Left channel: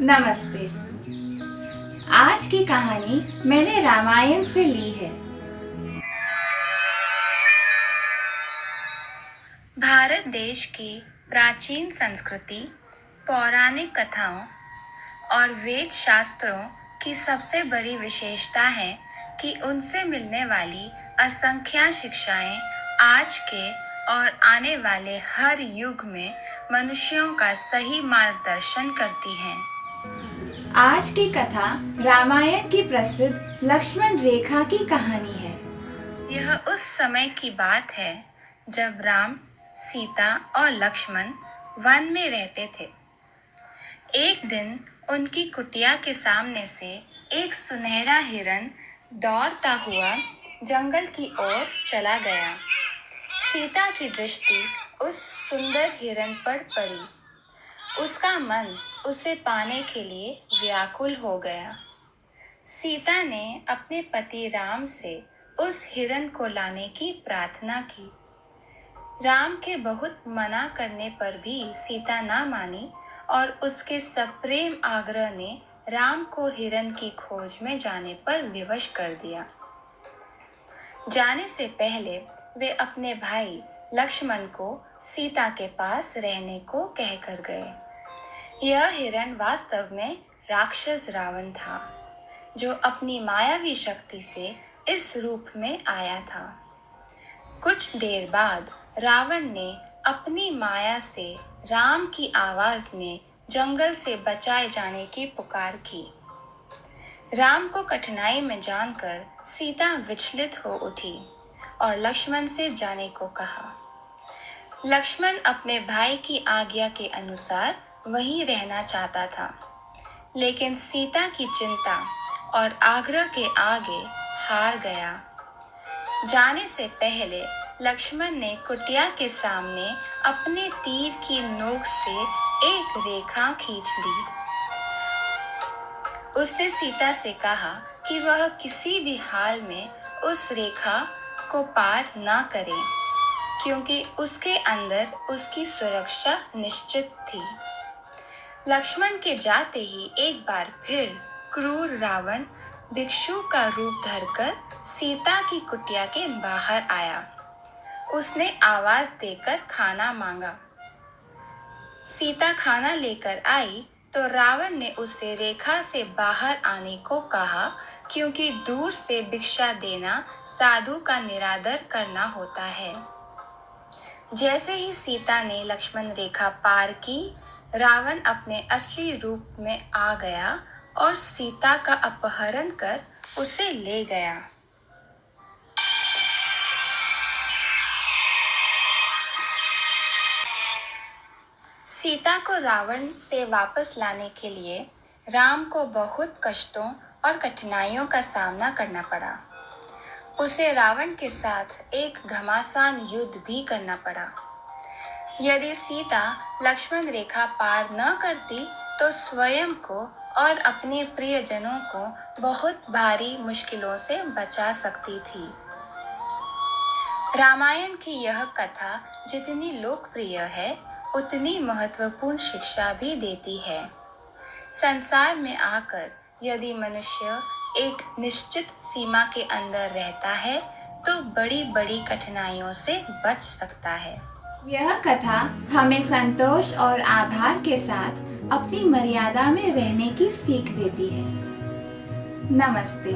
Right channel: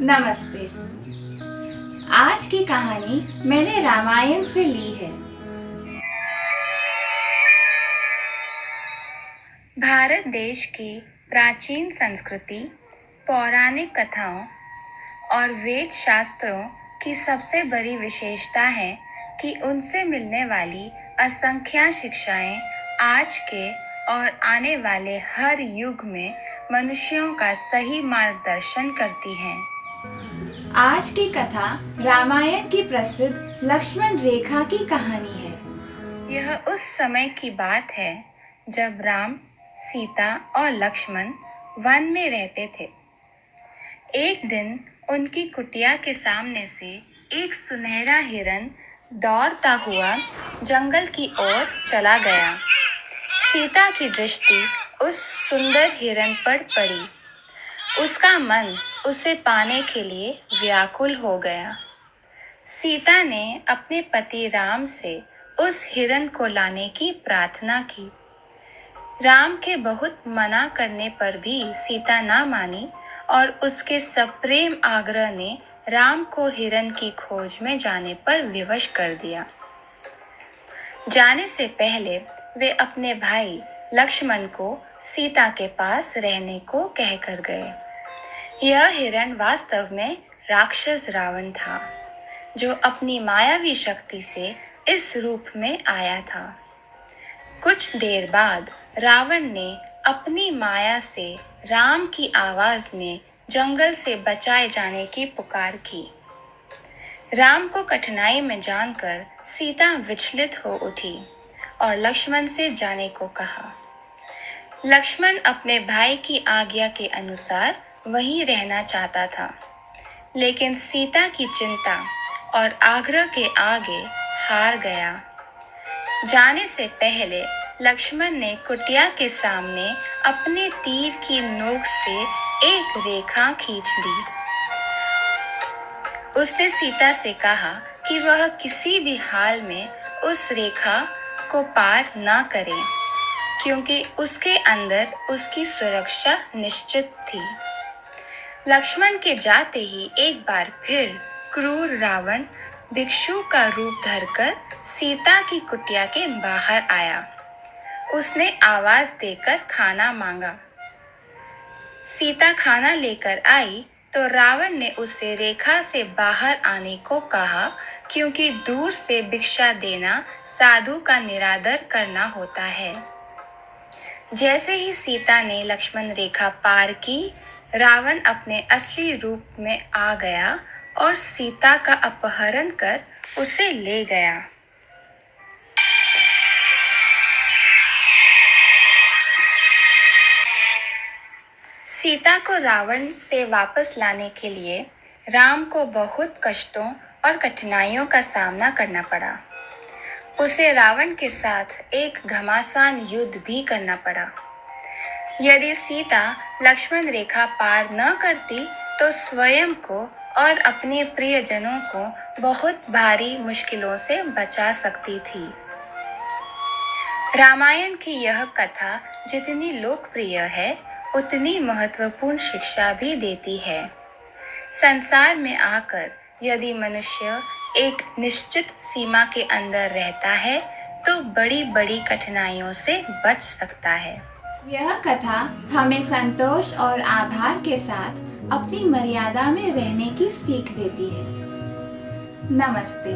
नमस्ते। आज की कहानी मैंने रामायण से ली है। भारत देश की प्राचीन संस्कृति, पौराणिक कथाओं और वेद शास्त्रों की सबसे बड़ी विशेषता है कि उनसे मिलने वाली असंख्य शिक्षाएं आज के और आने वाले हर युग में मनुष्यों का सही मार्गदर्शन करती हैं। आज की कथा रामायण की प्रसिद्ध लक्ष्मण रेखा की कहानी है। यह उस समय की बात है जब राम, सीता और लक्ष्मण वन में रहते थे। एक दिन उनकी कुटिया के सामने से एक सुनहरा हिरन दौड़ता हुआ जंगल की ओर चला गया। सीता की दृष्टि उस सुंदर हिरन पर पड़ी। उसका मन उसे पाने के लिए व्याकुल हो गया। सीता ने अपने पति राम से उस हिरन को लाने की प्रार्थना की। राम के बहुत मना करने पर भी सीता ना मानी और उसके सप्रेम आग्रह ने राम को हिरन की खोज में जाने पर विवश कर दिया। जाने से पहले वे अपने भाई लक्ष्मण को सीता के पास रहने को कहकर गए। यह हिरण वास्तव में राक्षस रावण था, जो अपनी मायावी शक्ति से इस रूप में आया था। कुछ देर बाद रावण ने अपनी माया से राम की आवाज में जंगल से बचाए जाने की पुकार की। राम को कठिनाई में जानकर सीता विचलित हो उठी और लक्ष्मण से जाने को कहा। लक्ष्मण अपने भाई की आज्ञा के अनुसार वहीं रहना चाहता था, लेकिन सीता की चिंता और आग्रह के आगे हार गया। जाने से पहले लक्ष्मण ने कुटिया के सामने अपने तीर की नोक से एक रेखा खींच दी। उसने सीता से कहा कि वह किसी भी हाल में उस रेखा को पार ना करे, क्योंकि उसके अंदर उसकी सुरक्षा निश्चित थी। लक्ष्मण के जाते ही एक बार फिर क्रूर रावण भिक्षु का रूप धरकर सीता की कुटिया के बाहर आया। उसने आवाज देकर खाना मांगा। सीता खाना लेकर आई तो रावण ने उसे रेखा से बाहर आने को कहा, क्योंकि दूर से भिक्षा देना साधु का निरादर करना होता है। जैसे ही सीता ने लक्ष्मण रेखा पार की, रावण अपने असली रूप में आ गया और सीता का अपहरण कर उसे ले गया। सीता को रावण से वापस लाने के लिए राम को बहुत कष्टों और कठिनाइयों का सामना करना पड़ा। उसे रावण के साथ एक घमासान युद्ध भी करना पड़ा। यदि सीता लक्ष्मण रेखा पार न करती तो स्वयं को और अपने प्रियजनों को बहुत भारी मुश्किलों से बचा सकती थी। रामायण की यह कथा जितनी लोकप्रिय है, उतनी महत्वपूर्ण शिक्षा भी देती है। संसार में आकर यदि मनुष्य एक निश्चित सीमा के अंदर रहता है तो बड़ी बड़ी कठिनाइयों से बच सकता है। यह कथा हमें संतोष और आभार के साथ अपनी मर्यादा में रहने की सीख देती है। नमस्ते।